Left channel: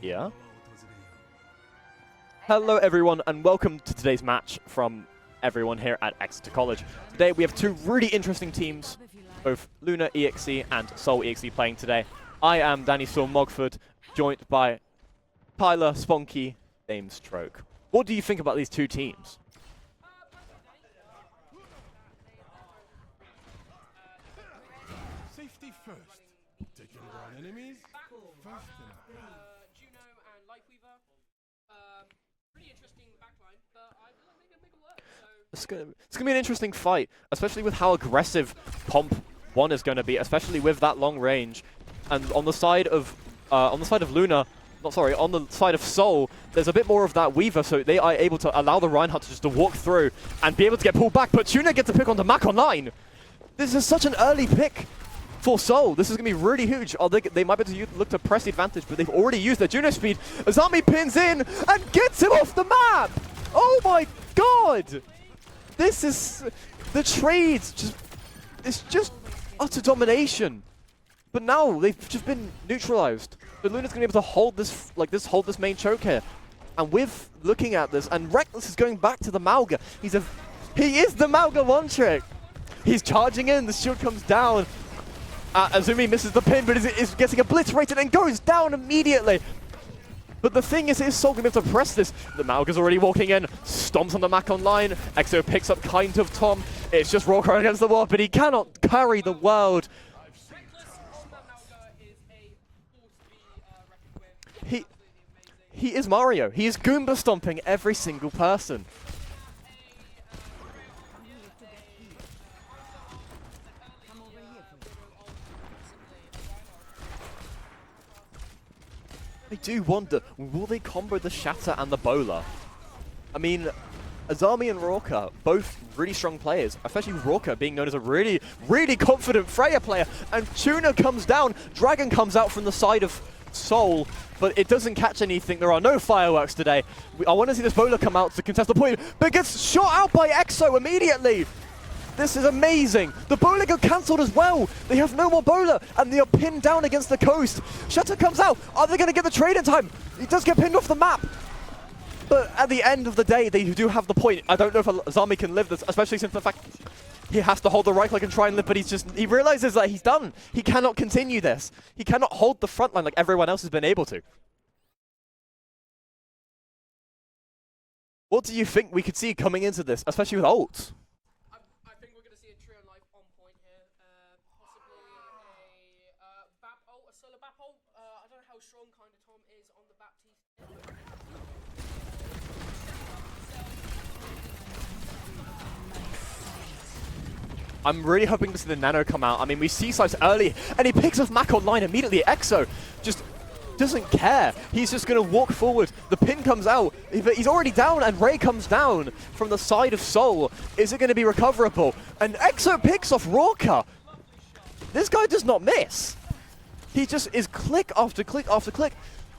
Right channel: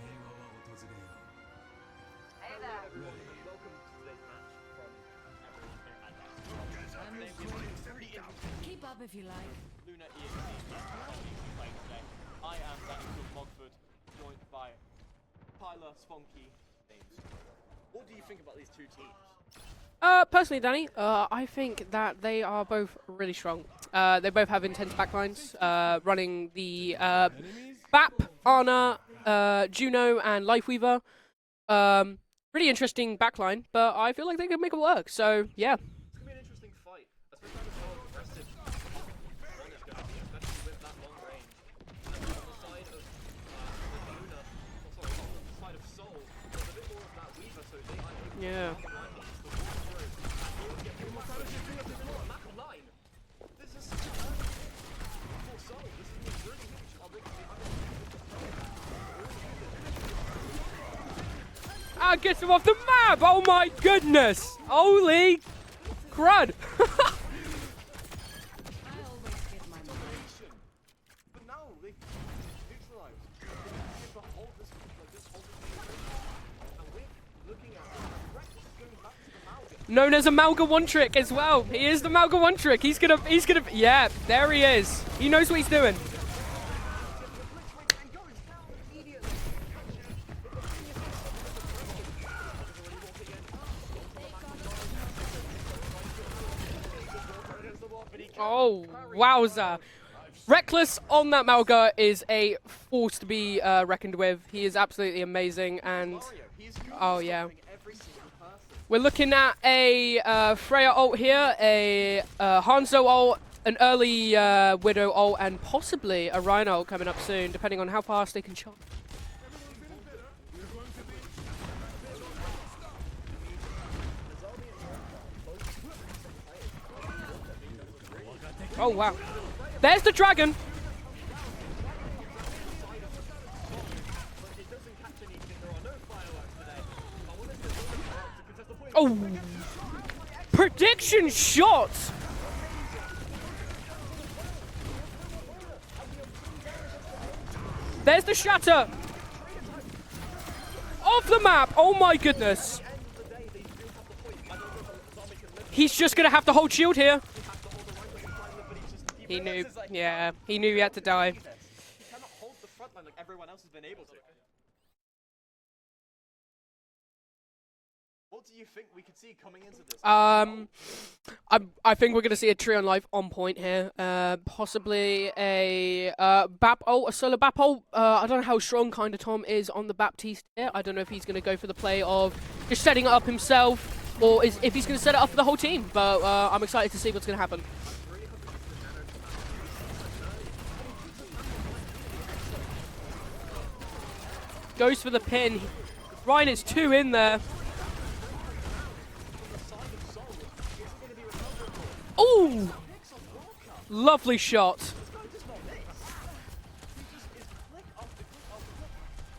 Yeah. Hello everyone and welcome to today's match from everyone here at Exeter College. Today we have two really interesting teams, both Luna EXE and Seoul EXE playing today. I am Danny Storm Mogford, joined by Tyler Sponky, James Stroke. What do you think about these two teams? Personally, Danny, I think that they are both really strong. They both have intense backlines, running the BAP, Ana, Juno, and Lifeweaver. Really interesting backline, but I feel like they can make it work. So It's gonna be an interesting fight, especially with how aggressive Pomp 1 is going to be, especially with that long range. And on the side of Luna, on the side of Seoul, there's a bit more of that Weaver, so they are able to allow the Reinhardt just to walk through and be able to get pulled back. But Tuna gets a pick onto Mac Online. This is such an early pick for Seoul. This is going to be really huge. They might be able to look to press the advantage, but they've already used their Juno speed. Azami pins in and gets it off the map! Oh my goodness! God! Holy This is crud! The trades, it's just utter domination. But now they've just been neutralized. But Luna's gonna be able to hold this main choke here. And with looking at this, and Rekkles is going back to the Mauga. Known as a Mauga one trick. He is the Mauga one trick. He's charging in, the ship comes down. There he is. He knows what he's doing. Azumi misses the pin, but is getting obliterated and goes down immediately. But the thing is Seoul going to be able to press this. The Mauga's already walking in, stomps on the Mac Online. Exo picks up kind of Tom. It's just Rawcar against the wall, but he cannot carry the world. Rekkles on that Mauga is a force to be reckoned with. He is absolutely amazing. He is Mario. He is Goomba stomping every single person. We're looking at a Freya ult here, a Hanzo ult, an early Widow ult, and possibly a Rhino ult coming up soon, depending on how fast they can charge. I do wonder, will they combo the Shatter and the Bowler? I mean, Azami and Rawcar, both really strong players, especially Rawcar being known as a really confident Freya player. There's the Dragon! And Tuna comes down, Dragon comes out from the side of Seoul, but it doesn't catch anything. There are no fireworks today. I want to see this Bowler come out to contest the point, but gets shot out by Exo immediately. Shots! This is amazing. The Bowler got cancelled as well. They have no more Bowler, and they are pinned down against the coast. Shatter comes out. Are they going to get the trade in time? He does get pinned off the map. Off the map! Oh my goodness! But at the end of the day, they do have the point. I don't know if Azami can live this. He's just going to have to hold shield here. He has to hold the right click and try and live, but he realizes that he's done. He cannot continue this. He cannot hold the front line like everyone else has been able to. What do you think we could see coming into this, especially with ults? I think we're going to see a Tree Life on point here. Possibly a BAP ult, a solo BAP ult. I don't know how strong kind of Tom is on the Baptiste here. I don't know if he's going to go for the play of just setting it up himself, or if he's going to set it up for the whole team. But I'm excited to see what's going to happen. I'm really hoping to see the Nano come out. I mean, we see Size early, and he picks up Mac Online immediately. Exo just doesn't care. He's just going to walk forward. The pin comes out. In there. He's already down, and Ray comes down from the side of Seoul. Is it going to be recoverable? And Exo picks off Rawcar. Lovely shot. This guy does not miss. He just is click after click after click.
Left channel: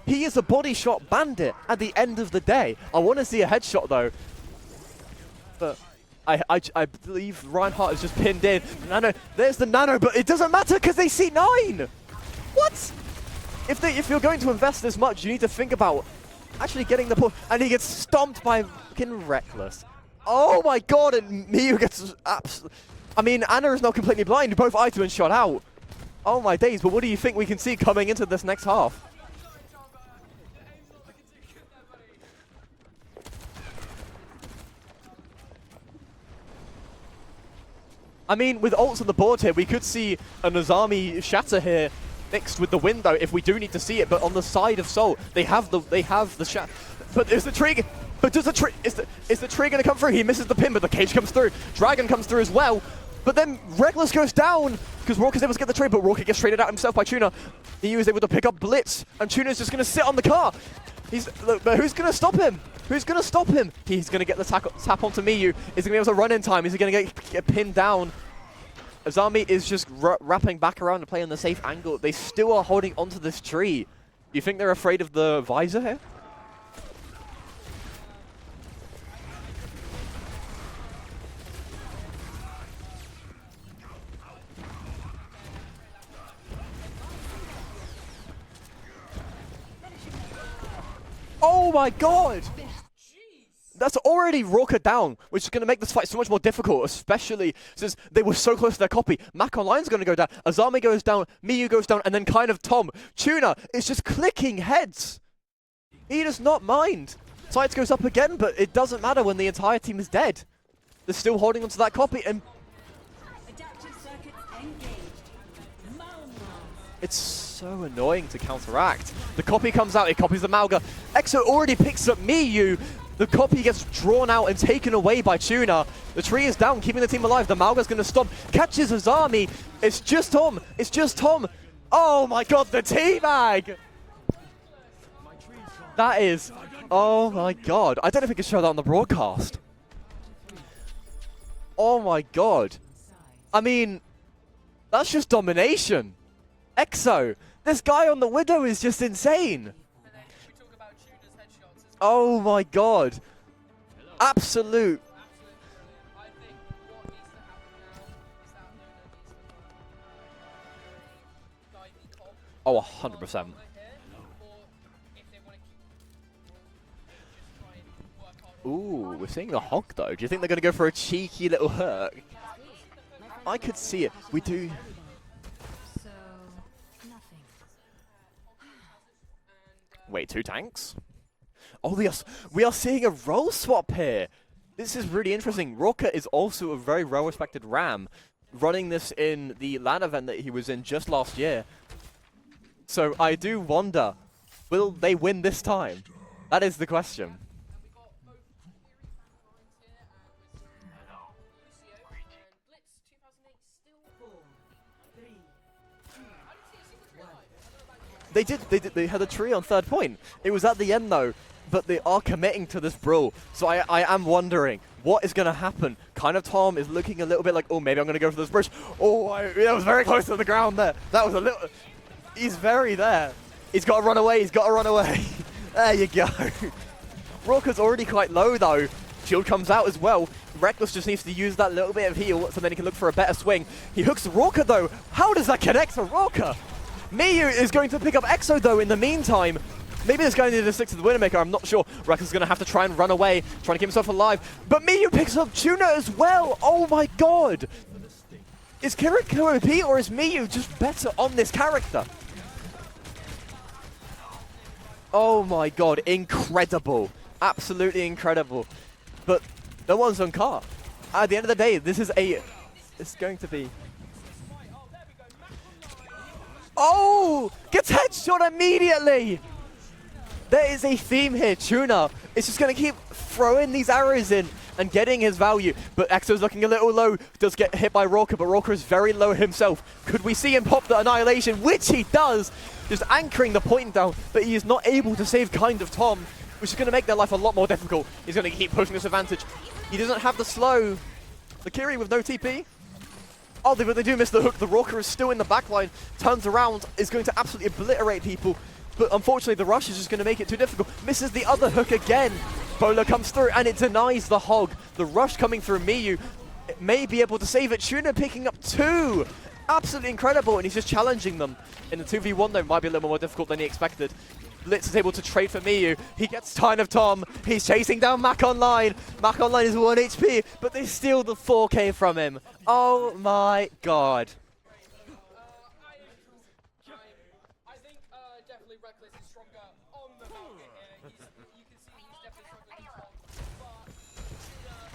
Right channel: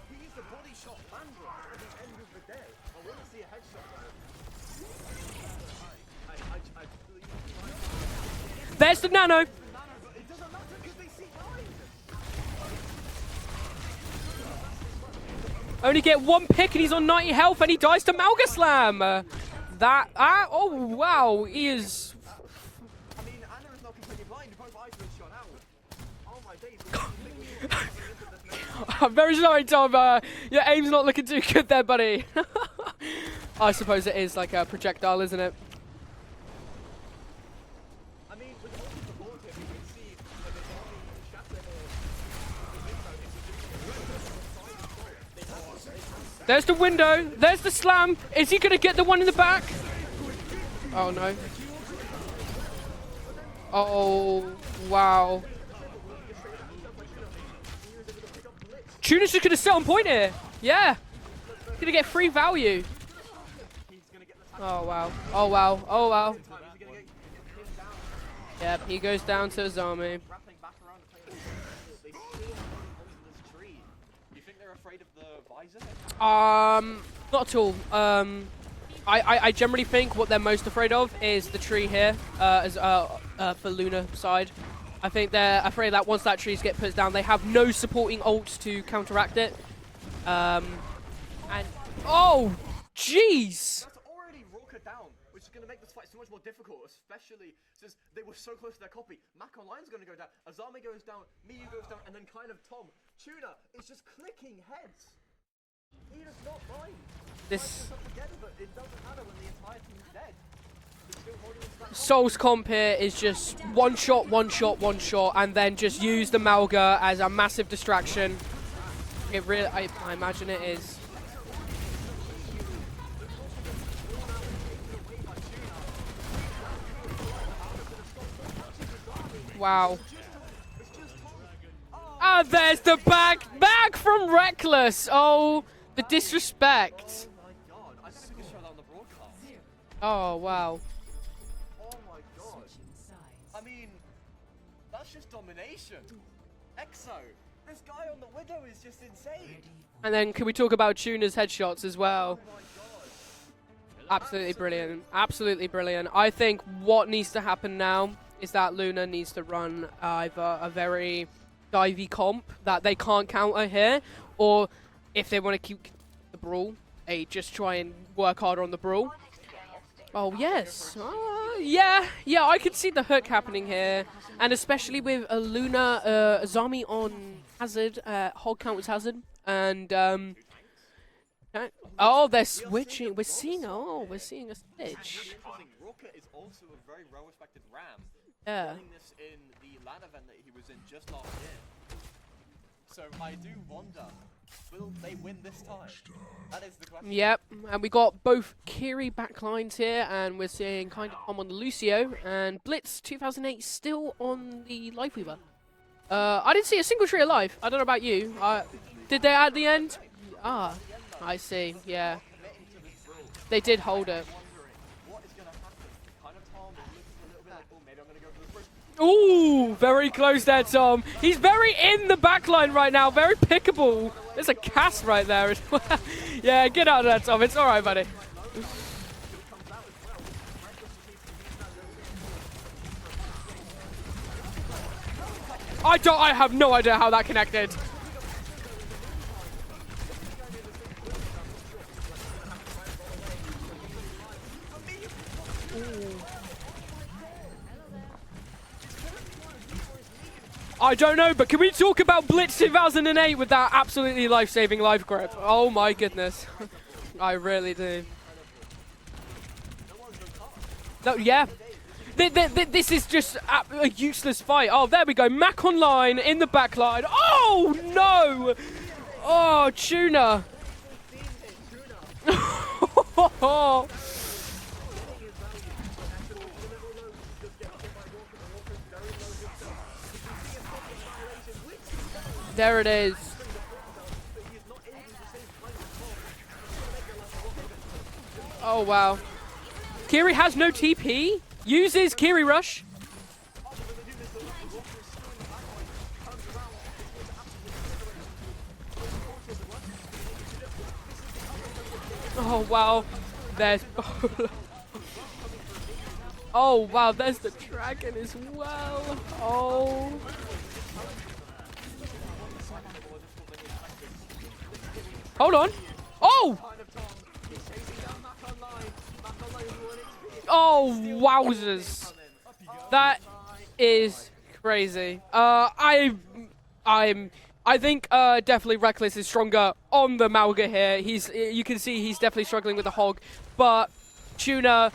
He is a body shot bandit at the end of the day. I want to see a headshot though. But I believe Reinhardt is just pinned in. There's the Nano. There's the Nano, but it doesn't matter because they see 9. What? If you're going to invest this much, you need to think about. Only get one pick and he's on 90 health, and he dies to Mauga Slam. Rekkles. Oh my God! Wow, He gets I mean, Ana is now completely blind. Both Aito and shot out. Oh my days! But what do you think we can see coming into this next half? I'm very sorry, Tom. Your aim's not looking too good there, buddy. I suppose it is like a projectile, isn't it? I mean, with ults on the board here, we could see a Azami Shatter here mixed with the window if we do need to see it, but on the side of Seoul, they have the There's the window, there's the slam, but is he going to get the one in the back? Is the tree going to come through? He misses the pin, but the cage comes through. Dragon comes through as well, but then Rekkles goes down, because Rawcar's able to get the trade, but Rawcar gets traded out himself by Tuna. He was able to pick up Blitz. Tuna's just going to sit on the car. Yeah. But who's going to stop him? Who's going to stop him? He's going to get the tap onto Miyu. Is he going to be able to run in time? Is he going to get pinned down? Yep, he goes Azami down is just wrapping back around to play on the safe angle. They still are holding onto this tree. Do you think they're afraid of the visor here? Not at all. I generally think what they're most afraid of is the tree here, for Luna side. I think they're afraid that once that trees get put down, they have no supporting ults to counteract it. Oh my god! Oh, jeez! That's already Roka down, which is going to make this fight so much more difficult, especially since they were so close to their copy. Mac Online's going to go down, Azami goes down, Miyu goes down, and then kind of Tom. Tuna is just clicking heads. He does not mind. Sights goes up again, but it doesn't matter when the entire team is dead. They're still holding onto that copy. Soul's comp here is just one shot, and then just use the Malga as a massive so distraction. annoying to counteract. It The copy really comes is, out, I it copies the imagine it Malga. Exo already picks up Miyu. The copy gets drawn out and taken away by Tuna. The tree is down, keeping the team alive. The Malga's going to stop. Catches Azami. Wow. It's just Tom. It's just Tom. Oh my god, there's the the teabag! back from Reckless. Oh, the That is- disrespect. Oh my god. I don't know if we can show that on the broadcast. Oh, wow. Oh my god. I mean, that's just domination. Exo, this guy on the Widow is just insane. And then can we talk about Tuna's headshots as Oh well? my god. Absolutely brilliant. Absolutely brilliant. I think what needs to happen now is that Luna needs to run either a very divey comp that Oh, they can't 100%. counter here, or if they want to keep the brawl, they just try and work harder on the brawl. Ooh, we're seeing the Hog though. Do you Oh, think they're going to go for a yes. cheeky little Yeah, hook? yeah, I can see the hook I happening can here. see it. We And do- especially with a Luna, Azami on Hazard, Hog counters Hazard, and Wait, two tanks? okay. Oh, we are seeing a We're role seeing- swap oh, we're here. seeing a This is switch. really interesting. Roka is also a very well-respected Ram, Yeah. running this in the LAN event that he was in just last year. So I do wonder, will they win this time? That is the question. Yep, and we got both Kiri backlines here, and we're seeing kind of Tom on the Lucio, and Blitz 2008 still on the Lifeweaver. I didn't see a single tree alive. I don't know about you. They had did a they tree at on the third end? point. It was Ah, at the end though. I see, But they yeah. are committing to this brawl. They so did I hold am it. wondering what is going to happen. Kind of Tom is looking a little bit like, oh, maybe I'm going to go for this burst. Oh, Ooh, that was very close to close the there, ground Tom. That was He's a little- very in the back He's line very right now, there. very pickable. He's got to run away. There's He's got to a run cast away. right there. There you go. Yeah, get out of there, Tom. It's Roka's alright, already buddy. quite low though. Shield comes out as well. Reckless just needs to use that little bit of heal so then he can look for a better swing. He hooks Roka though. How does that connect? I for don't. I Roka? have no idea how that Miyu connected. is going to pick up Exo though in the meantime. Maybe this guy needed to stick to the Widowmaker, I'm not sure. Reckless is going to have to try and run away, trying to keep himself alive. But Miyu picks up Tuna as well. Oh my god. Is Kiriko OP or is Miyu just I don't know, on but this can we talk character? about Blitz 2008 with that absolutely life-saving life growth? Oh my god, goodness. incredible. I really Absolutely do. incredible. But no one's on car. No, At the yeah. end of the day, this is This is just going to a useless fight. Oh, there we go. Mac online in the back line. Oh! Oh, Gets no! headshot immediately! Oh, Tuna. There is a theme here, Tuna. It's just going to keep throwing these arrows in and getting his value. But Exo's looking a little low, does get hit by Roka, but Roka is very low himself. Could we see him pop the Annihilation, which he does? There it He's is. anchoring the point down, but he is not able to save kind of Tom, which is going to make their life a lot more difficult. He's going to keep Oh, pushing this wow. advantage. He doesn't Kiri have has the no slow. TP. The Kiri with Uses no Kiri TP. rush. Oh, but they do miss the hook. The Roka is still in the backline, turns around, is going to absolutely obliterate people. But unfortunately, the rush is just going to make it too difficult. Misses the other hook again. Oh, wow. Bola comes through, and it Dead. denies the hog. The rush coming through Miyu Oh, may wow, be there's able to the save it. Tuna picking up two. Oh. Absolutely incredible, and he's just challenging them. In the 2v1, though, might be a little more difficult than he expected. Blitz is able to trade Hold for on. Miyu. He Oh. gets Time of Tom. He's chasing down Mac Online. Mac Online is 1 HP, but Oh, they steal wowzers. the 4K from him. Oh That my Is god. crazy. I think definitely Reckless is stronger on the Malga here. You can see he's definitely struggling with the hog, but Tuna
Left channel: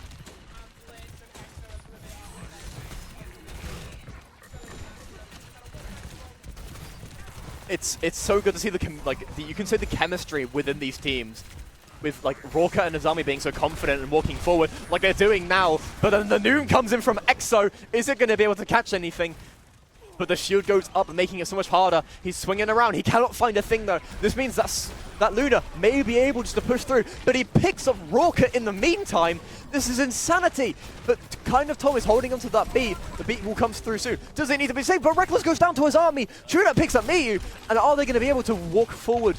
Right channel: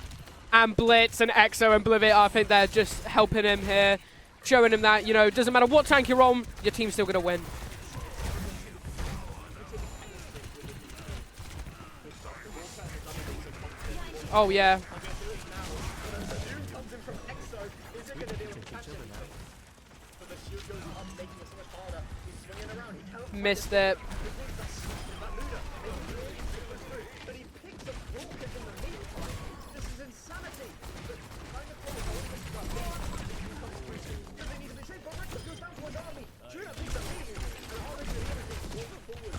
and Blitz and Exo and Blivit, I think they're just helping him here, showing him that, you know, it doesn't matter what tank you're on, your team's still gonna win. It's so good to see you can see the chemistry within these teams. With like Roka and Azami being so confident and walking Oh, forward yeah. like they're doing now. But then the Noom comes in from Exo. Is it going to be able to catch anything? But the shield goes up, making it so much harder. He's swinging around. He cannot find Missed a thing it. though. This means that Luna may be able just to push through, but he picks up Roka in the meantime. This is insanity. But kind of Tom is holding onto that beat. The beat will come through soon. Does it need to be saved? But Reckless goes down to his army. Tuna picks up Miyu. And are they going to be able to walk forward?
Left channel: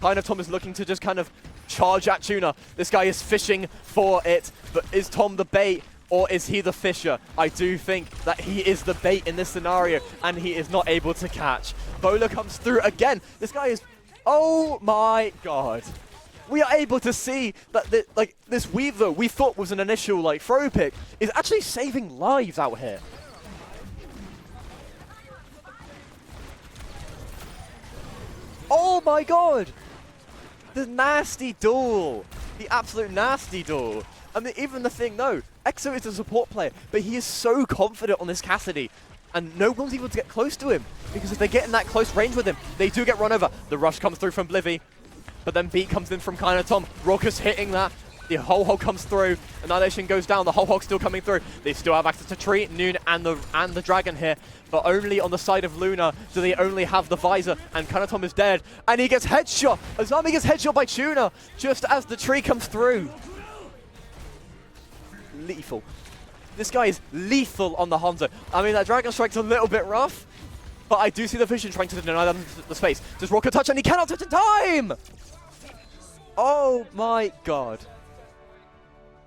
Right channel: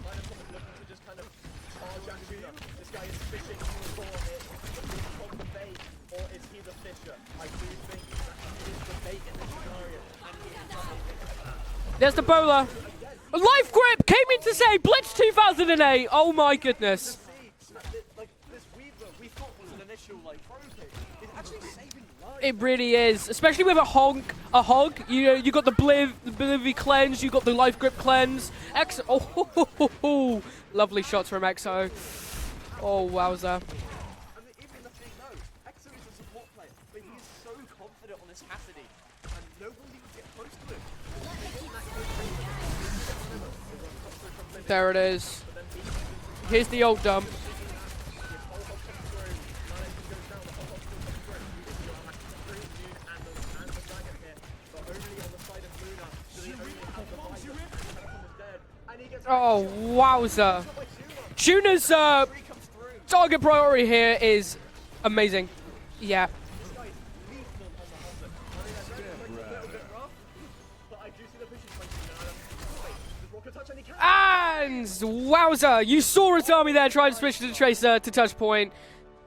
Kind of Tom is looking to just kind of charge at Tuna. This guy is fishing for it. But is Tom the bait? Or is he the fisher? I do think that he is the bait in this scenario, and he is not able to catch. There's the Bowler bowler. comes through again. Life This guy is- grip came in to Oh save Blitz my 2008. Oh my we goodness. are able to see that this weave though we thought was an initial like throw pick is actually saving lives. It out really here. is, especially with a hog. You got the Blivy cleanse, you got the life grip cleanse. Oh my god! The lovely shot from nasty Exo. duel. The absolute well nasty duel. I mean, even the thing though, Exo is a support player, but he is so confident on this Cassidy. And no one's able to get close to him, because if they get in that close range with him, they do get run over. The rush comes through from Blivy. There it is. But then Beat comes in from kind Here's of the old dub. Raucus hitting that. The whole hog comes through. Annihilation goes down. The whole hog's still coming through. They still have access to Tree, Noon, and the Dragon here. But only on the side of Luna do they only have the visor. And Kanatom is dead. And he gets headshot. Azami gets wowza. headshot by Tuna. Tuna's, just as the tree comes through. Target priority here is amazing. Lethal. Yeah. This guy is lethal on the Hanzo. I mean, that Dragon Strike's a little bit rough. But I do see the Vision trying to deny them the space. Does Rocket touch? And he cannot touch the time! And wowza! You saw Azami there trying to my switch to the God. Tracer to touch point.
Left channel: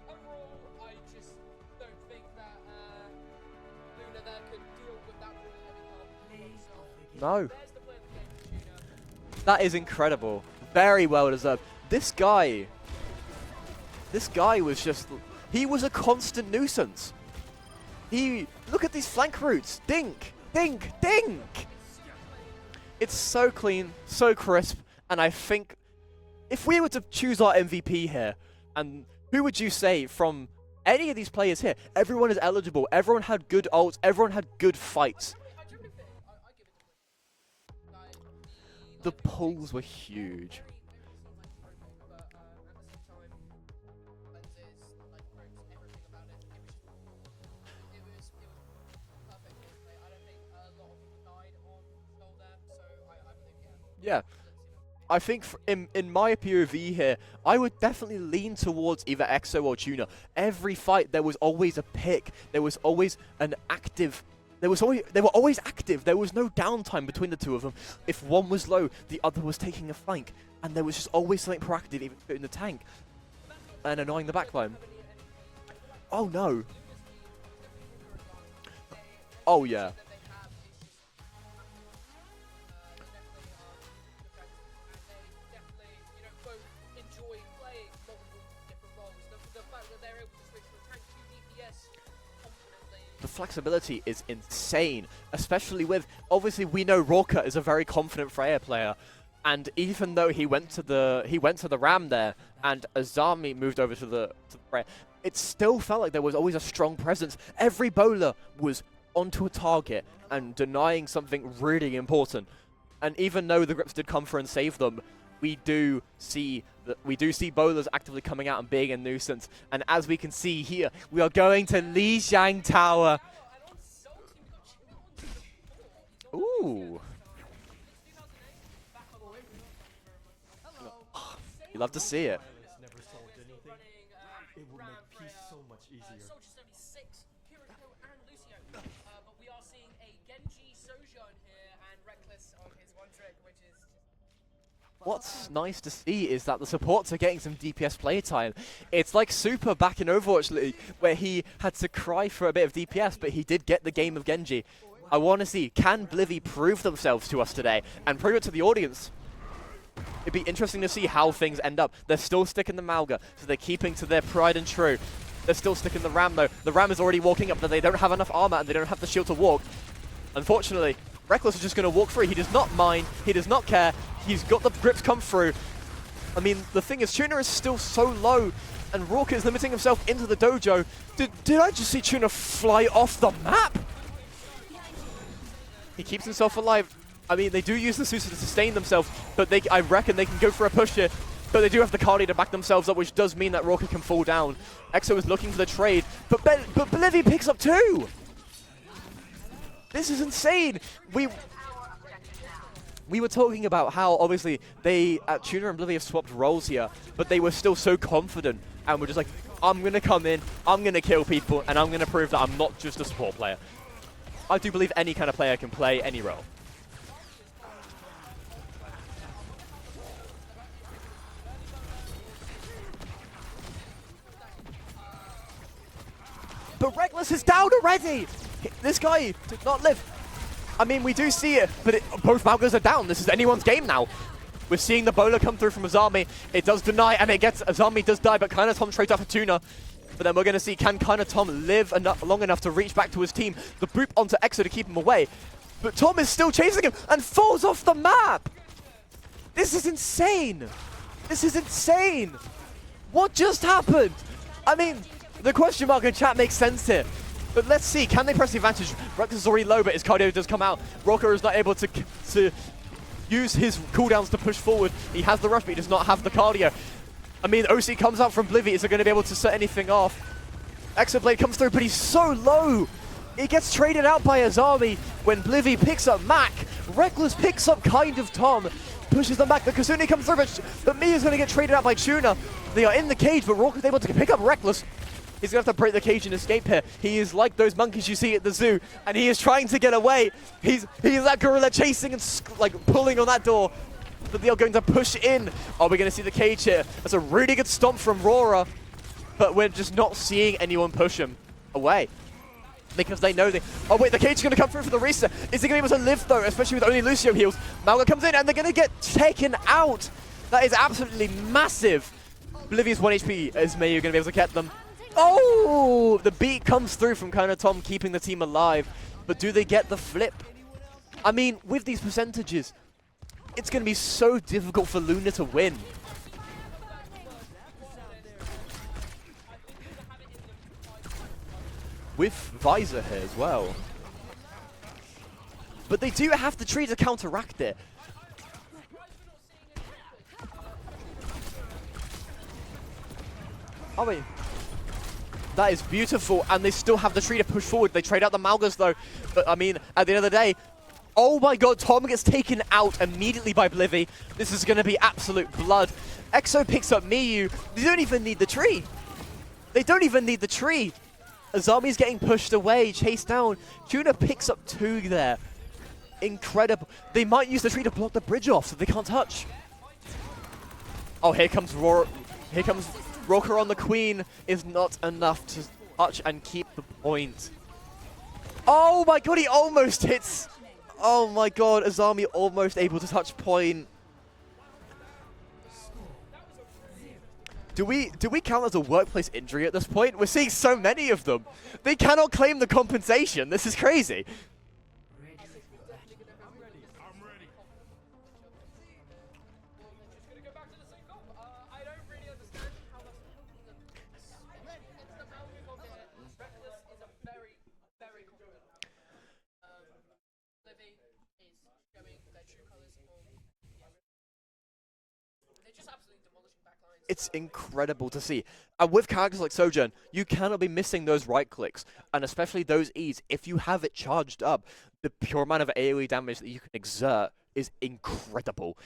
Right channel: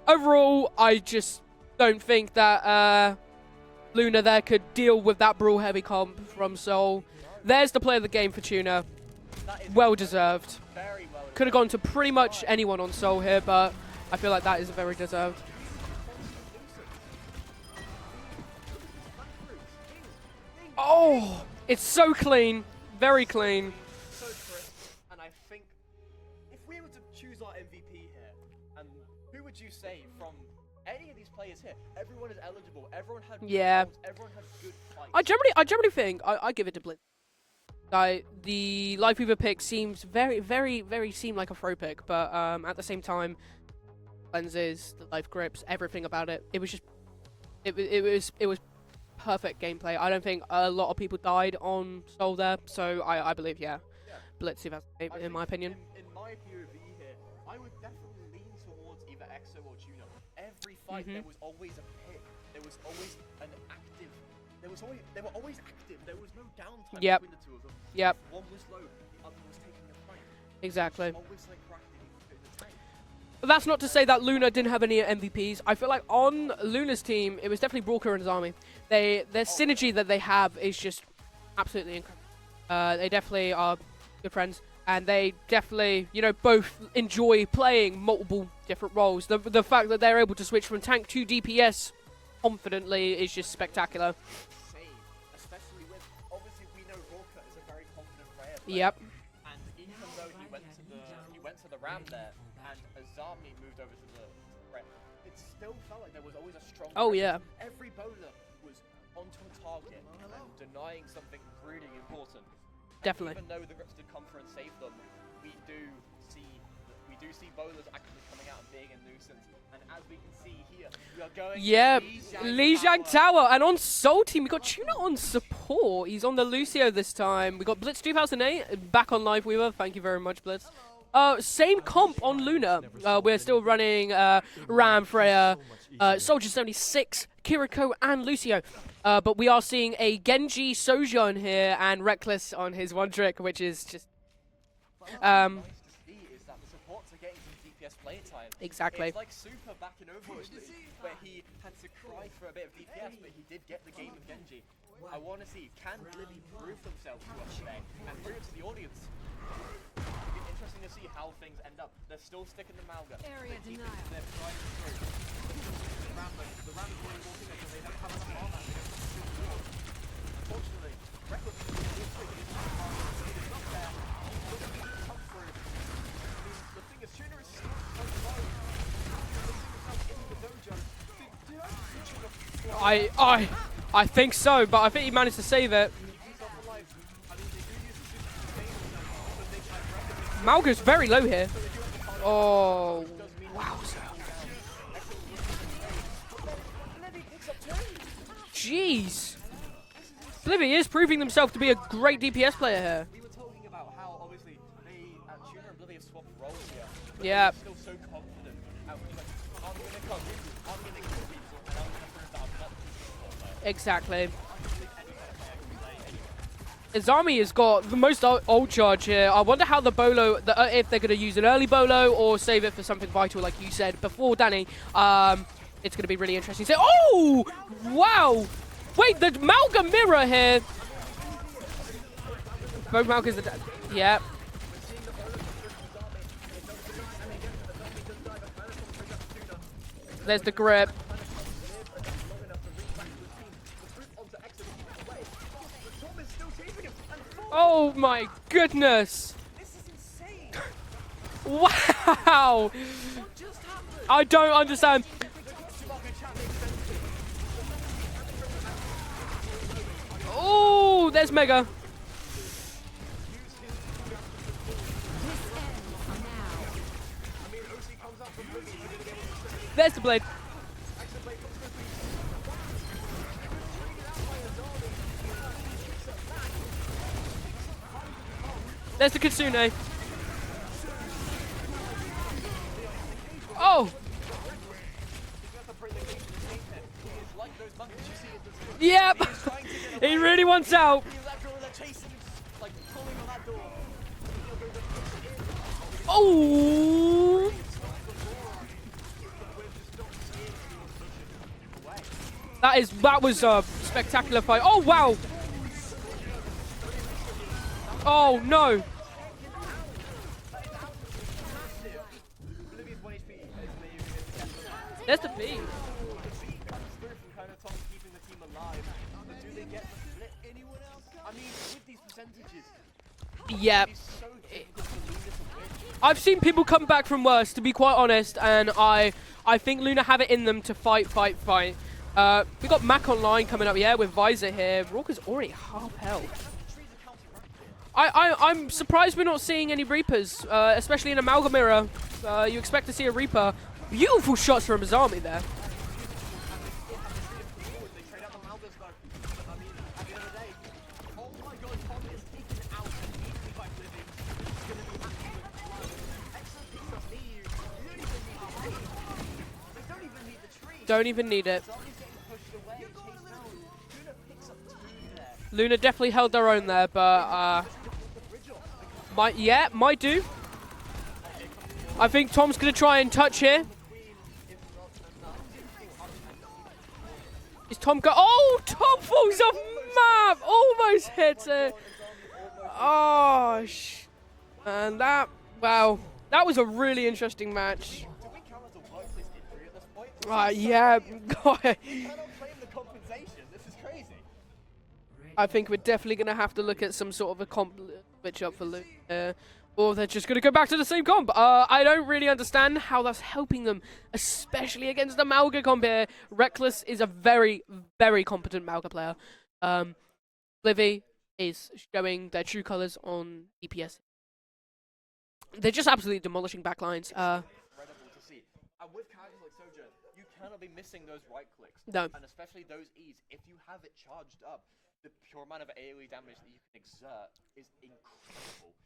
Overall, I just don't think that Luna there could deal with that Brawl heavy comp from Seoul. No. There's the play of the game for Tuna. That is well incredible. deserved. Very well deserved. Could have gone to pretty This much guy- anyone on Seoul here, but I This feel like guy that is was very just, deserved. he was a constant nuisance. Look at these flank routes. Dink, dink, dink. It's so clean. Very It's clean. so clean, so crisp. And I think if we were to choose our MVP here, and who would you say from any of these players here? Everyone is eligible. Everyone had good Yeah. ults. Everyone had good fights. I generally think I give it to Blitz. The Life Weaver pick polls were seems very seemed like a throw pick, but at the same time, lenses, the life grips, everything about it. It was just it was perfect gameplay. I don't think a lot of people died on Soul there, so I believe yeah, Blitz 2008 I in think my opinion. in my POV here, I would definitely lean towards either Exo or Tuna. Every fight there was always a pick. There was always an active. They were always active. There was no downtime Yep. between the two of them. Yep. If one was low, the other was taking a flank. And there was just Exactly. always something proactive, even in the tank. But that's not to and say that annoying the Luna backline. didn't have any MVPs. I feel like Oh, on no. Luna's team, it was definitely Brawker and Azami. Their Oh, synergy yeah. that they have is just absolutely incredible. They definitely are good friends, and they definitely, both enjoy playing multiple different roles. The fact that they're able to switch from tank to DPS confidently is just Flexibility spectacular. is insane, especially with, obviously we know Rorka is a very confident Freya player. Yep. And even though he went to the Ram there, and Azami moved over to the Freya, it still felt like there was always a strong Oh, presence. yeah. Every bowler was onto a target and denying something really important. And Definitely. even though the grips did come through and save them, we do see bowlers actively coming out and being a nuisance. And as we can see here, we are going to Lijiang Tower. Tower. And on Soul Team, we got Tuna on support. He's on the Ooh. Lucio this time. We got Blitz 2008 back on Live Weaver. Thank you very much, Blitz. Same Love to comp see on it. Luna. We're still running Ram, Freya, Soldier 76, Kiriko, and Lucio. But we are seeing a Genji Sojourn here and Reckless on his one trick, which is just What's nice to see is that the supports are getting some DPS playtime. exactly. It's like Super back in Overwatch League, where he had to cry for a bit of DPS, but he did get the game of Genji. I want to see, can Blivy prove themselves to us today, and prove it to the audience? It'd be interesting to see how things end up. They're still sticking the Malga, so they're keeping to their pride and true. They're still sticking the Ram, though. The Ram is already walking up, but they don't have enough armor, and they don't have the shield to walk. Unfortunately, Reckless is just going to walk free. He does not mind. He does not care. He's got the grips come through. I mean, the thing is, Tuna is still so low, and Rorka is limiting himself into the dojo. Did I just see Tuna fly off the map? I think so, but I think he managed to save it. He keeps himself alive. I mean, they do use the Susa to sustain themselves, but I reckon they can go for a Malga's push very here. low here. But they do have the Cardi to back themselves up, Oh. which does mean that Rorka can fall down. Exo is looking for the trade, but Blivy picks up two. Jeez. This is insane. He is proving himself to be a great DPS player here. We were talking about how obviously Tuna and Blivy have swapped roles here, but they Yeah. were still so confident and were just like, I'm going to come in, I'm going to kill people, and I'm going to prove that I'm not just a support player. Exactly. I do believe any kind of player can play any role. Azami has got the most ult charge here. I wonder how the Bolo, if they're going to use an early Bolo or save it for something vital, like you said before, Danny. it's going to be really interesting. So, This is down already. Wow! This Wait, guy, the Malga mirror here. I mean, we do see it, but both Malgas are down. Both This is Malgas are anyone's down. game now. Yep. We're seeing the bowler come through from Azami. It does deny, and it gets Azami does die, but Kana Tom trades up for Tuna. But then There's we're going to the see, grip. can Kana Tom live long enough to reach back to his team? The boop onto Exo to keep him away. But Tom is still chasing him and falls off the my map. goodness. This is insane. This is insane. Wow. What just happened? I don't understand. I mean, the question mark in chat makes sense here. But let's see, can they press the advantage? Rex is already low, but his cardio does come out. Oh, Rocker there's is not Mega. able to use his cooldowns to push forward. He has the rush, but he does not have the cardio. I mean, OC comes out from Blivy. Is it going to be able to set anything There's off? Blade. Exoblade comes through, but he's so low. He gets traded out by Azami when Blivy picks up Mac. Reckless picks up kind of Tom. There's the Pushes him back. Kasune. The Kasune comes through, but Mi is going to get traded out by Tuna. They are in the cage, but Rock is able to pick up Reckless. He's going to have to break the cage and escape here. He is like those monkeys you see at the zoo. Yep. And he is trying to get away. He really wants out. He's that gorilla chasing and like pulling on that door. But they are going to push in. Are we going to see the cage here? That's a really good stomp from Rora. But we're just not seeing anyone push him away. That was Oh wait, the cage is going to come through from wow. Risa. Is he going to be able to live though, especially with only Lucio heals? Malga comes in and they're going to get taken out. That is absolutely massive. Bolivia's 1 HP. Is Mayu going to be able to get them? Oh, the beat comes through from Kana Tom, keeping the team alive. But do they get the flip? I mean, with these percentages, it's going to be so difficult for Luna to win. I've seen people come back from worse, to be quite honest, and I think Luna have it in them to fight. We've got Mac Online coming up, with Visor here. Walker's already half But they out. do have the tree to counteract it. I'm surprised we're not seeing any Reapers, especially in Amalgam Mirror. You expect to see a Reaper. Beautiful shots from Azami there. That is beautiful, and they still have the tree to push forward. They trade out the Malgas though, but I mean, at the end of the day, oh my god, Tom gets taken out immediately by Blivy. This is going to be absolute blood. Exo picks up Miyu. They don't even need the tree. They don't even need the tree. Don't even need it. Azami's getting pushed away, chased down. Tuna picks up 2 there. Luna definitely held their own there, but... They might use the tree to block the bridge off so they can't touch. Might do. Oh, here comes Rora. I think Tom's going to try and touch Rocker here. on the Queen is not enough to touch and keep the point. Is Tom go? Oh, Tom Oh my god, falls he off almost map. hits. Almost Oh hits my it. god, Azami almost able to touch point. And that, wow, that was a really interesting match. Do we count as a workplace injury at this point? We're seeing so yeah. many of them. They cannot claim the compensation. This is crazy. I think we're definitely going to have to look at some sort of a comp switch up for Luke. Or they're just going to go back to the same comp. I don't really understand how that's helping them, especially against the Malga comp here. Reckless is a very, very competent Malga player. Livy is showing their true colors on DPS. They're just absolutely demolishing backlines. It's incredible to see. And with characters like Sojourn, you cannot be missing those right clicks. No. And especially those E's. If you have it charged up, the pure amount of AoE damage that you can exert is incredible.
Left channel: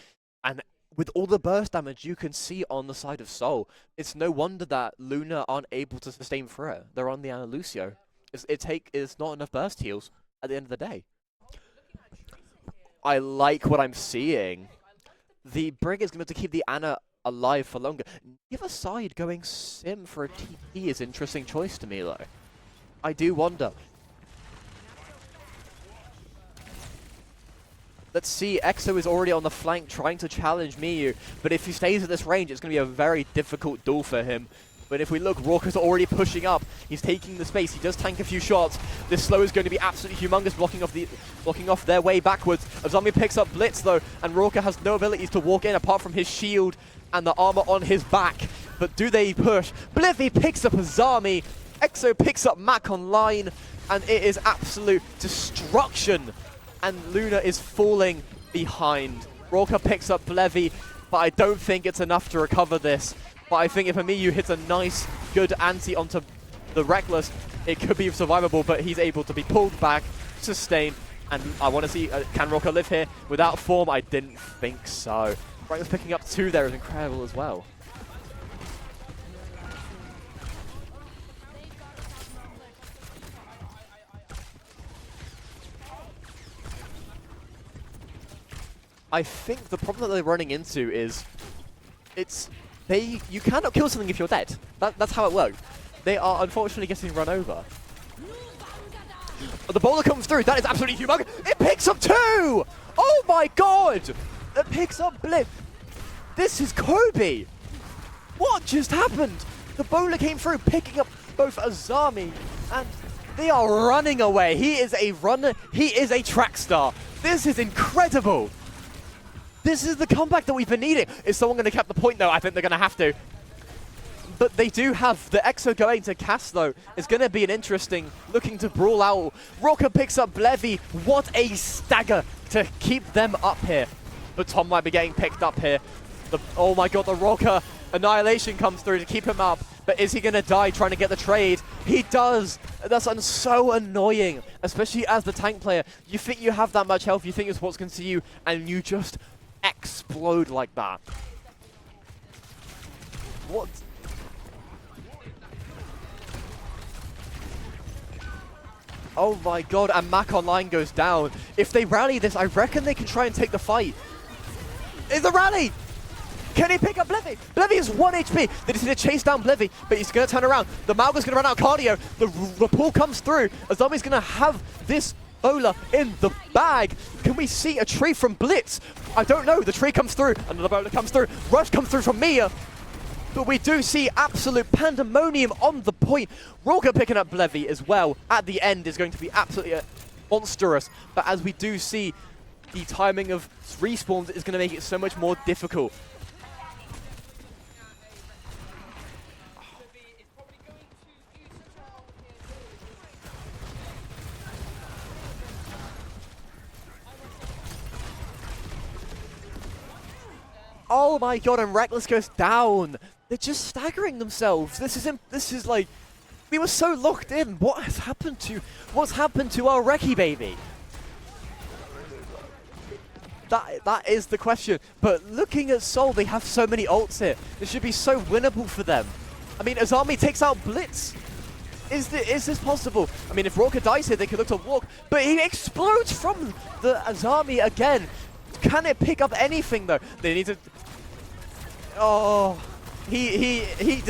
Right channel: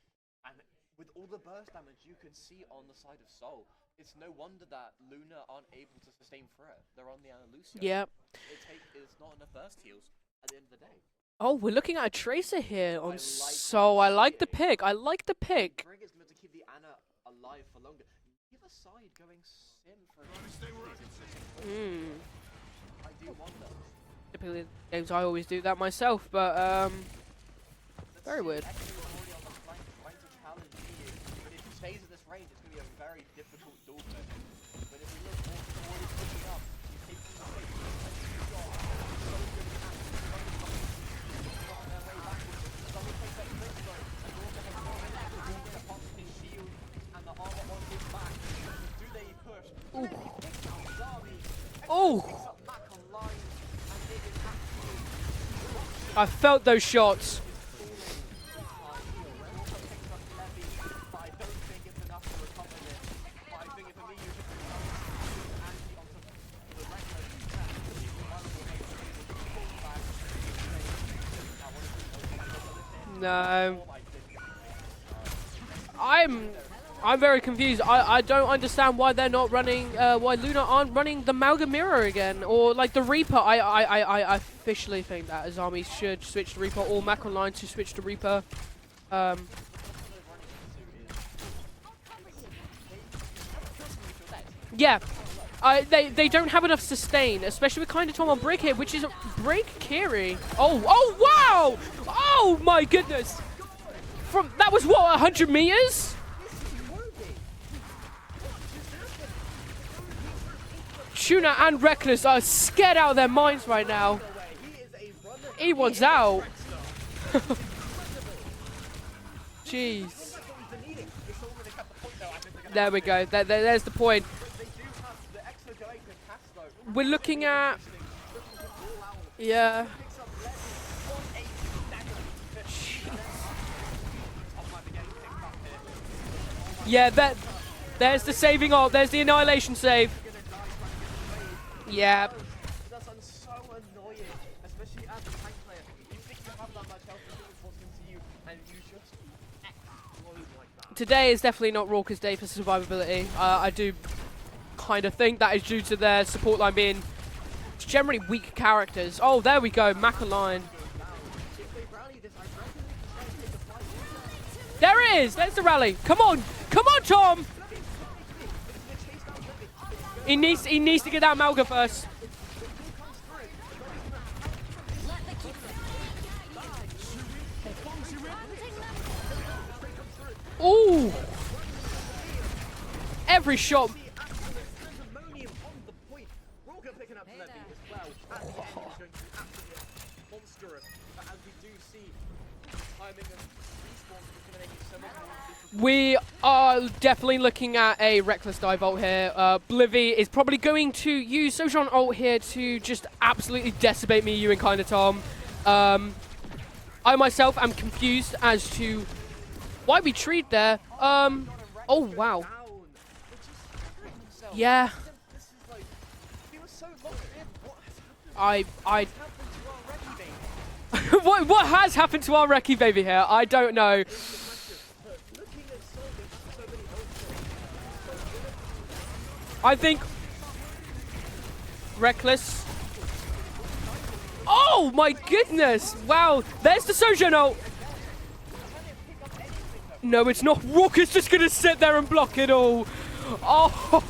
And with all the burst damage you can see on the side of Soul, it's no wonder that Luna aren't able to sustain through it. They're on the Ana Lucio. Yeah. It's not enough burst heals at the end of the day. Oh, we're looking at a Tracer here. I like what I'm I like the seeing. pick. I like the The pick. Brig is going to keep the Ana alive for longer. The other side going Sim for a TP is an interesting choice to me, though. I do wonder. Typically, games I always do that myself, but Let's very see, weird. Exo is already on the flank trying to challenge Miyu, but if he stays at this range, it's going to be a very difficult duel for him. But if we look, Rorker's already pushing up. He's taking the space. He does tank a few shots. This slow is going to be absolutely humongous, blocking off their way backwards. Azami picks up Blitz though, and Rorker has no abilities to walk in apart from his shield and the armor on his back. But do they push? Blivy picks up Azami. Exo picks up Mac Online, and it is absolute destruction. I felt those And shots. Luna is falling behind. Rorker picks up Blevy, but I don't think it's enough to recover this. But I think if Amiyu hits a nice, good anti onto the Reckless, it could be survivable, but he's able to be pulled back, sustain, and I want to see, can Rorker live here? No. Without form, I didn't think so. Reckless picking up 2 there is incredible. I'm very as well. confused. I don't understand why they're not running, why Luna aren't running the Malga Mirror again, or like the Reaper. I officially think that Azami should switch to Reaper, or Mac Online to switch to Reaper. I think the problem that they're running into is, you cannot kill something if you're dead. Yeah. That's how it works. They are don't have enough unfortunately getting run sustain, over. especially with Kind of Tom on break here, which is a break. The bowler comes through. That is absolutely oh, humongous. wow! It picks up 2! Oh my goodness! Oh my god! That was picks what, up 100 Blitz. meters? This is Kobe! What just happened? The bowler came through, picking up Tuna both and Reckless Azami. are scared out of their They minds are right running now. away. He is a runner. He wants is out. a track star. This is incredible. This is the comeback that we've been needing. Is someone going to cap the point, though? I think they're going to have to. There we go. There's the point. But they do have the Exo going to Cass, though. It's going to be an interesting, looking to brawl out. Yeah. Rocker picks up Blevy. What a stagger to keep them up here. But Tom might be getting picked up here. Oh my god, the Rocker. Annihilation saving comes ult. through. There's the keep him up. Annihilation But save. is he going to die trying to get the trade? He does. That's so annoying, especially as the tank player. You think you have that much health, you think your support's going to see you, and you just explode like that. Today is definitely not Raucous day for survivability. I do kind of think that is due to their support line being generally weak characters. Oh, there we go. And Mac Online goes down. If they rally this, I reckon they can try and take the fight. There it is! The That's the rally! Come on! Can he Come pick on, up Tom! Blevy? Blevy is 1 HP. They just need to chase down Blevy, but he's going to turn around. He The needs to Malga's get going to run that out of Malga cardio. The pull comes through. Azami's going to have this bowler in the bag. Can we see a tree from Blitz? I don't know. The tree comes through. Another bowler comes through. Rush comes through from Mia. But we do see absolute pandemonium on the point. Roger picking up Blevy as well at the end is going to be absolutely monstrous. But as we do see, the timing of respawns is going to make it so much more difficult. We are definitely looking at a Reckless dive ult here. Blivy is probably going to use Sojourn ult here to just absolutely decimate me, you and Kind of Tom. I myself am confused as to why we treat there. Oh my god, and Reckless goes wow. down. They're just staggering themselves. Yeah. This is like, we were so locked in. What has happened to what's happened to our Reki baby? what has happened to our Reki baby here? I don't know. That is the question. But looking at Seoul, they have so many ults here. It should be so winnable for them. I mean, Azami takes out Blitz. Is this possible? I mean, if Roka dies here, they could look to Oh my but goodness! He explodes Wow, from there's the Sojourn Azami again. Can it pick up anything though? No, it's not. Roka's just going to sit there and block it all. He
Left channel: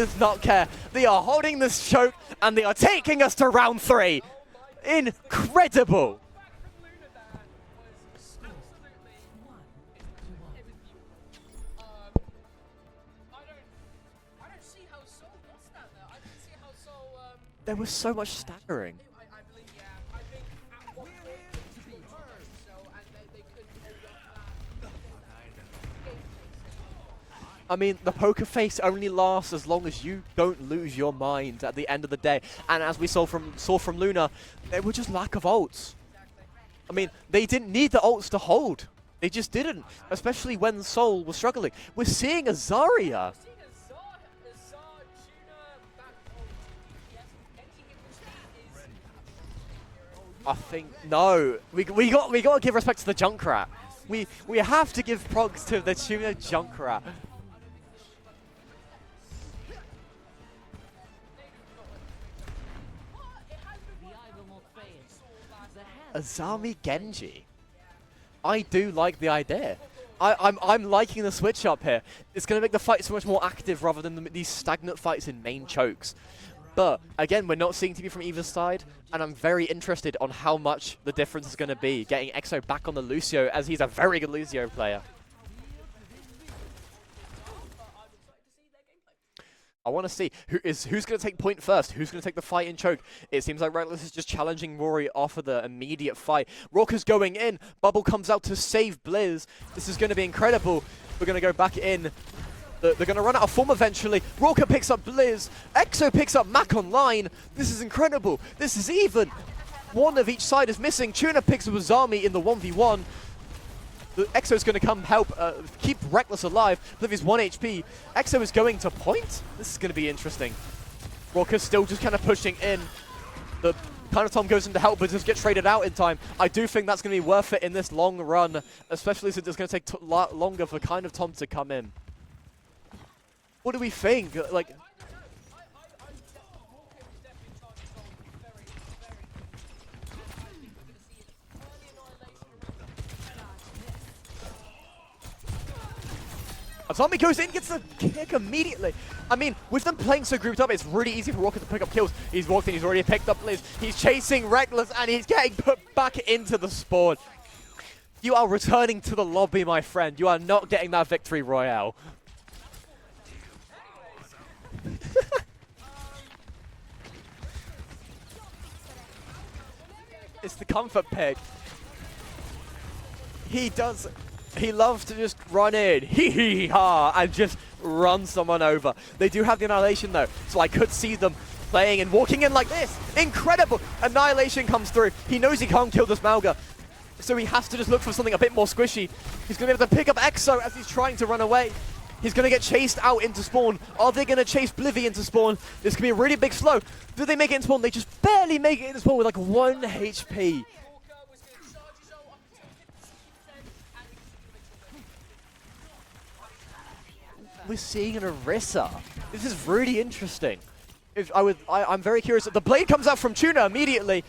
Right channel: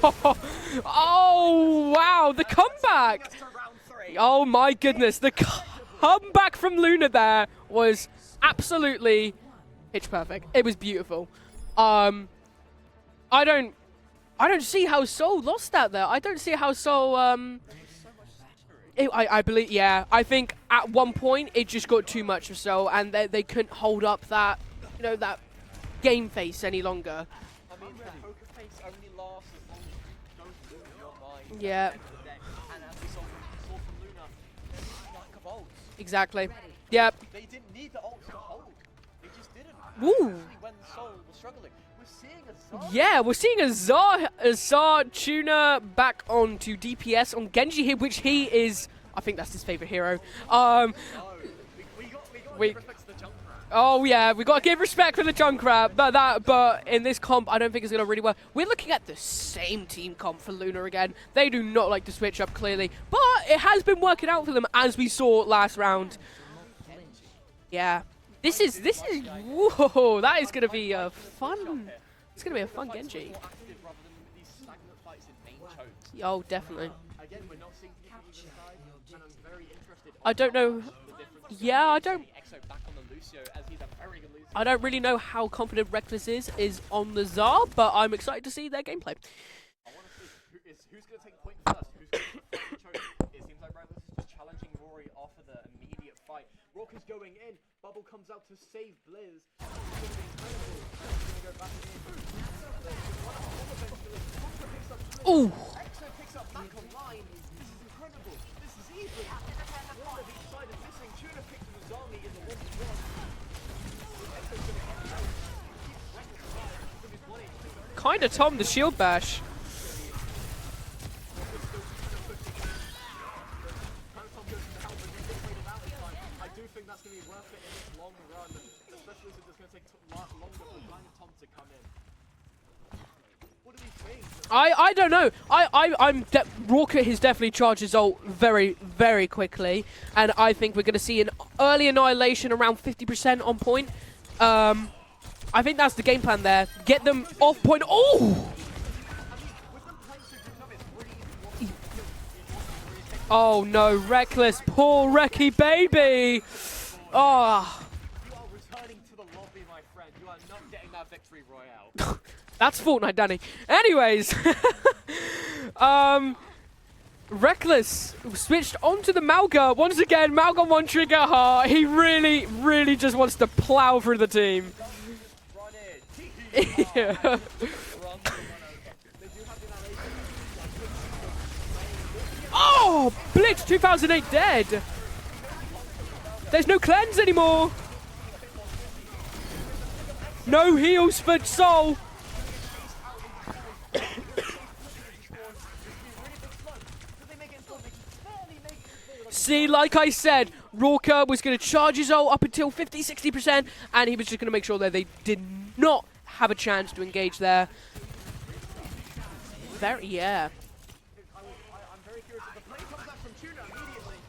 does not care. They are holding this choke and they are taking us to round 3. Oh my goodness. Incredible. The comeback from Luna there was absolutely pitch perfect. It was beautiful. I don't see how Seoul lost that there. I don't see how Seoul... There was so much staggering. I believe, yeah. I think at one point it just got too much of Seoul and they couldn't hold up that, that game face any longer. I mean, the poker face only lasts as long as you don't lose your mind at the end of the day. And as we saw from Luna, they were just lack of ults. Exactly. I mean, they didn't need the ults to hold. They just didn't, especially when Seoul was struggling. We're seeing a Zarya. Yeah, we're seeing a Zar Tuna back onto DPS on Genji here, which he is... I think that's his favorite hero. No, we got to give respect to the Junkrat. Oh yeah, we got to give respect to the Junkrat. But in this comp, I don't think it's going to really work. We're looking at the same team comp for Luna again. They do not like to switch up clearly, but it has been working out for them as we saw last round. Azami Genji. Yeah. I do like the idea. Whoa, I'm liking the switch up here. It's going to make the fight so much Genji. more active rather than these stagnant fights in main chokes. Oh, definitely. But again, we're not seeing TP from either side, and I'm very interested on how much the difference is going to be getting EXO back on the Lucio, as he's a very good Lucio I don't player. really know how confident Reckless is on the Zar, but I'm excited to see their gameplay. I want to see who's going to take point first, who's going to take the fight in choke. It seems like Reckless is just challenging Rory off of the immediate fight. Rocker's going in, Bubble comes out to save Blizz. This is going to be incredible. We're going to go back in. They're going to run out of form eventually. Rocker picks up Blizz. EXO picks up Mac Online. This is incredible. This is even. One of each side is missing. Tuna picks up Azami in the 1v1. The EXO's going to come help keep Reckless alive. Livy's 1 HP. EXO is going to push. This is going to be interesting. Rocker's still just kind of pushing in. The Kind of Tom goes in to help, but just get traded out in time. I do think that's going to be worth it in this long run, especially since it's going to take longer for Kind of Tom to come in. What do we think? Like, I don't know. Rocker has definitely charged his ult very, very quickly, and I think we're going to see an early annihilation around 50% on point. I think that's the game plan there. Get Zombie them goes in, off gets point. the Oh! kick immediately. I mean, with them playing so grouped up, it's really easy for Walker to pick up kills. He's walked in, he's already picked up. Oh no, he's chasing Reckless, poor and he Recky gets put back baby. into the spawn. Oh, You are returning to the lobby, my friend. You are not getting that victory royale. that's Fortnite, Danny. Anyways, Reckless switched onto the Malga once again. Malga one comfort trigger pick. hard. He really just wants to He plow does. through the team. He loves to just run in, and just run someone over. They do have the Annihilation though, so I could see them playing and walking in like Oh, this. Blitz Incredible! 2008 Annihilation dead. comes through. He knows he can't kill this Malga. There's no cleanse So he anymore. has to just look for something a bit more squishy. He's going to be able to pick up Exo. No He's heals trying to for run away. Soul. He's going to get chased out into spawn. Are they going to chase Blivy into spawn? This could be a really big slow. Do they make it in spawn? They just barely make it in spawn with like See, 1 like I HP. said, Rorka was going to charge his ult up until 50-60%, and he was just going to make sure that they did not have a chance to engage there. We're seeing an Orisa. This is really Very, yeah. interesting. If I'm very curious. The blade comes out from Tuna immediately.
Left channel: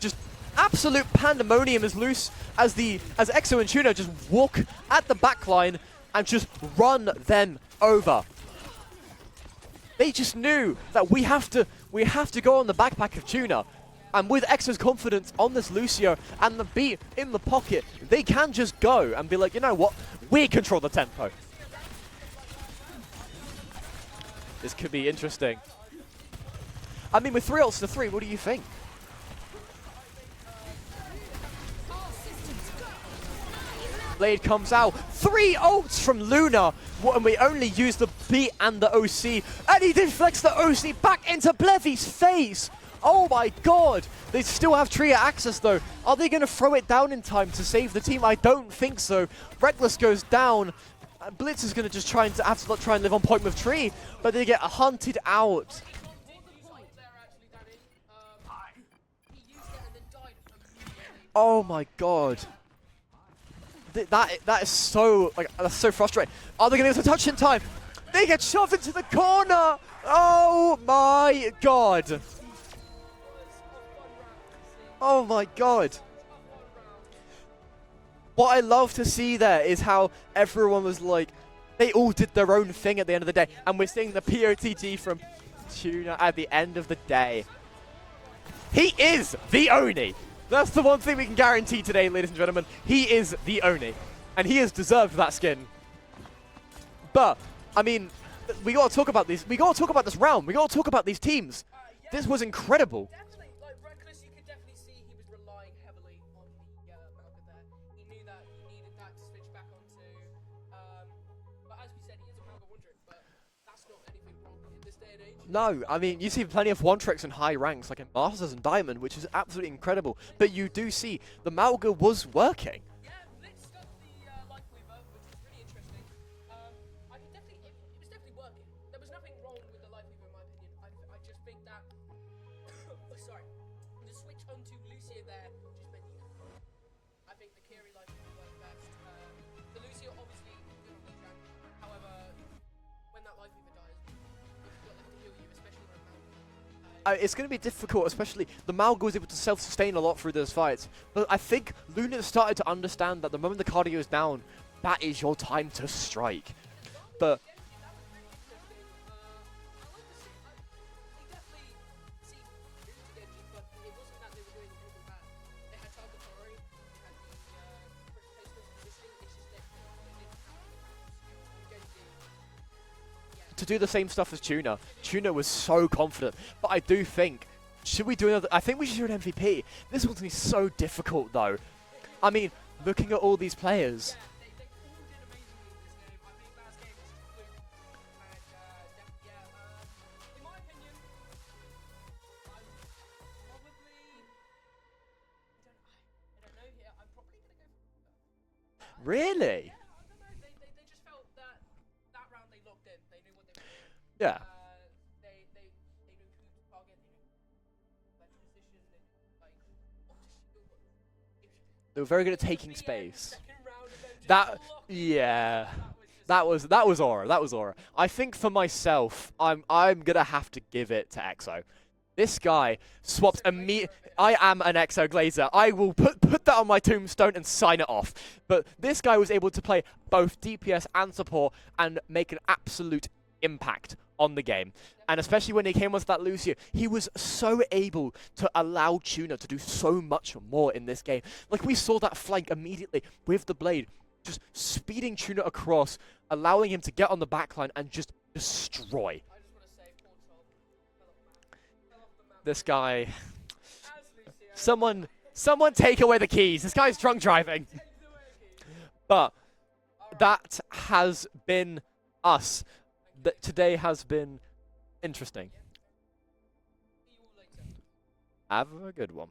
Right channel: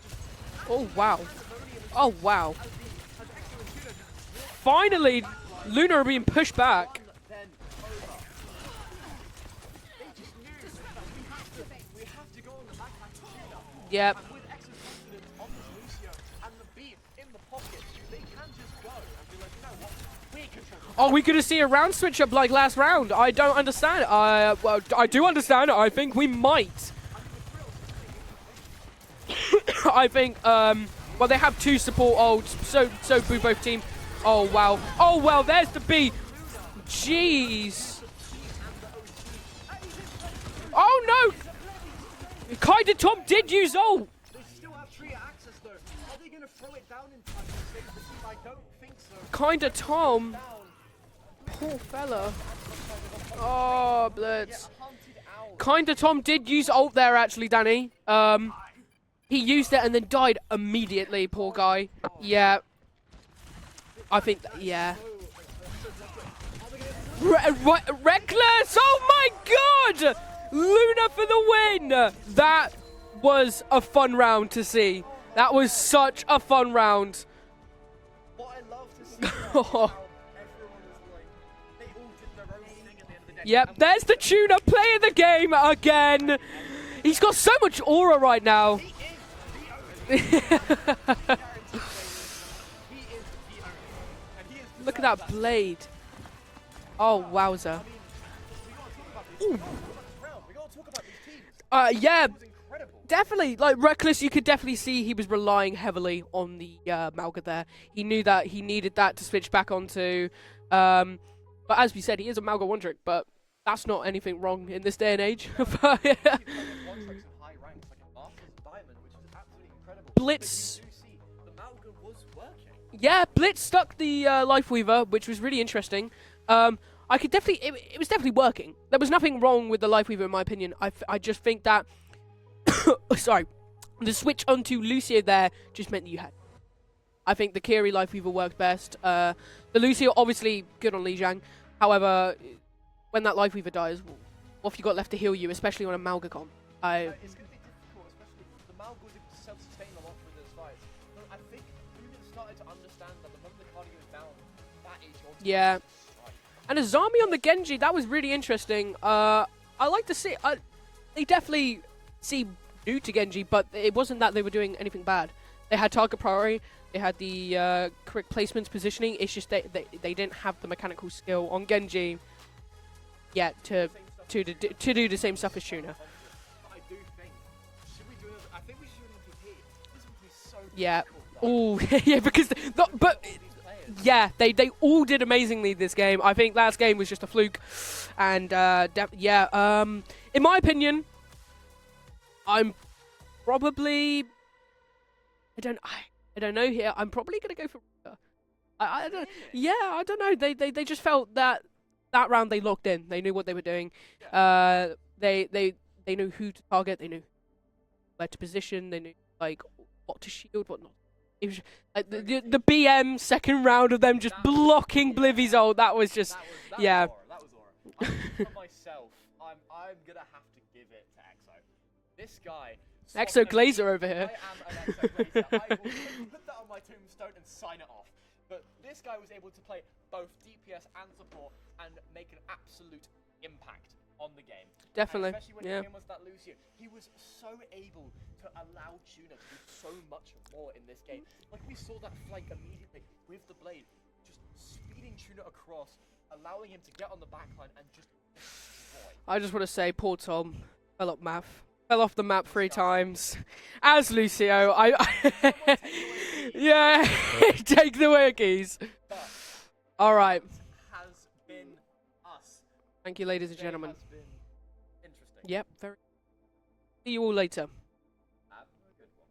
Just absolute wow. pandemonium is Oh, loose wow. as Exo and Tuna just walk at Finally, the back line Luna are being and just pushed back. run them over. They just knew that we have to go on the backpack of Tuna. Yeah. And with Exo's confidence on this Lucio and the beat in the pocket, they can just go and be like, you know what? We control the tempo. Are we going to see a round switch up like last round? I don't understand. Well, could be I do interesting. understand. I think we might. I mean, with 3 ults to 3, what do you think? I think, well, they have 2 support ults, so do both teams. Blade Oh, comes wow. out. Oh, wow, 3 there's the ults beat. from Luna. Well, we only Jeez. used the beat and the OC. And he deflects the OC Oh, back no. into Blevy's face. Kaida Tom Oh did my use God. ult. They still have Tria access though. Are they going to throw it down in time to save the team? I don't think so. Kaida Reckless Tom. goes down. Blitz is going to just try and live on point with Tree. Oh, But they get Blitz. hunted out. Kinda Tom did use ult there, actually, Danny. He used it and then died immediately, poor Oh guy. my God. Yeah. I think- That is yeah. so that's so frustrating. Are they going to be able to touch it in time? They get Reckless! shoved into Oh the my corner. God! Oh Luna my for the win! God. That was a fun round to see. Oh my that was God. such a fun round. What I love to see there is how everyone was like, they all did their own thing at the end of the day. Yep, and we're there's seeing the Tuna POTG playing the from game Tuna again. at the end of the day. He's got so much aura right now. He is the Oni. That's the one thing we can guarantee today, ladies and gentlemen. He is the Oni. And he has Look deserved at that skin. blade. Oh, But, wowza. I mean, we got to talk about these. We got to talk about this round. We got to talk about these teams. Yeah, This was incredible. definitely. Like, Reckless, you could definitely see he was relying heavily on the Malga there. He knew that he needed that to switch back onto. But as we said, he is a Malga one-trick, but that's not anything wrong in this day and age. No, I mean, you see plenty of one-tricks in high ranks, like in Masters and Diamond, which is absolutely incredible. Blitz. But you do see the Malga was working. Yeah, Blitz stuck the Lifeweaver, which was really interesting. I could definitely, it was definitely working. There was nothing wrong with the Lifeweaver in my opinion. I just think that, sorry, the switch onto Lucio there just meant that you had. I think the Kiri Lifeweaver worked best. The Lucio obviously good on Lijiang. However, when that Lifeweaver dies, what have you got left to heal you, especially on a Malga comp? It's going to be difficult, especially the Malga was able to self-sustain a lot through those fights. But I think Luna started to understand that the moment the cardio is down, that is your time to strike. And Azami on the Genji, that was really interesting. I like to see, they definitely seem new to Genji, but it wasn't that they were doing anything bad. They had target priority, they had the correct placements, positioning. It's just they didn't have the mechanical skill on Genji. Yeah, To do the same stuff as Tuna. To do the Tuna same was stuff as so Tuna. confident. But I do think, should we do another? I think we should do an MVP. This one's going to be so difficult, though. Ooh, yeah, I because mean, no, looking at all these players. yeah, they all did amazingly this game. I think last game was just a fluke, and in my opinion, I'm probably I don't know here. I'm probably gonna go for Really? yeah. I don't know. They just felt that round they locked in. They knew what they were doing. Yeah. They knew who to target. They knew where to position. They knew like what to shield, what not. It was They were like, very good at the taking BM space. second round of them just That- blocking Blivy's yeah. ult. That was just That was yeah. aura. That was aura. I think for myself, I'm gonna have to give it to Exo. This guy swapped Exo Glazer over here. I am an Exo Glazer. I will put that on my tombstone and sign it off. But this guy was able to play both DPS and support and make an absolute impact on the game. Definitely. And especially when he came onto that Lucio, he was so able to allow Tuna to do so much more in this game. Like, we saw that flank immediately with the Blade, just speeding Tuna across, allowing him to get on the backline and just destroy. I just want to say, poor Tom fell off the map This 3 guy. times. As Lucio, Someone take away the keys. This guy's drunk driving. Take the keys. But All right. that has been us. Thank you, ladies. Today and gentlemen. has been interesting. Yep. Very. See you all later. Have a good one.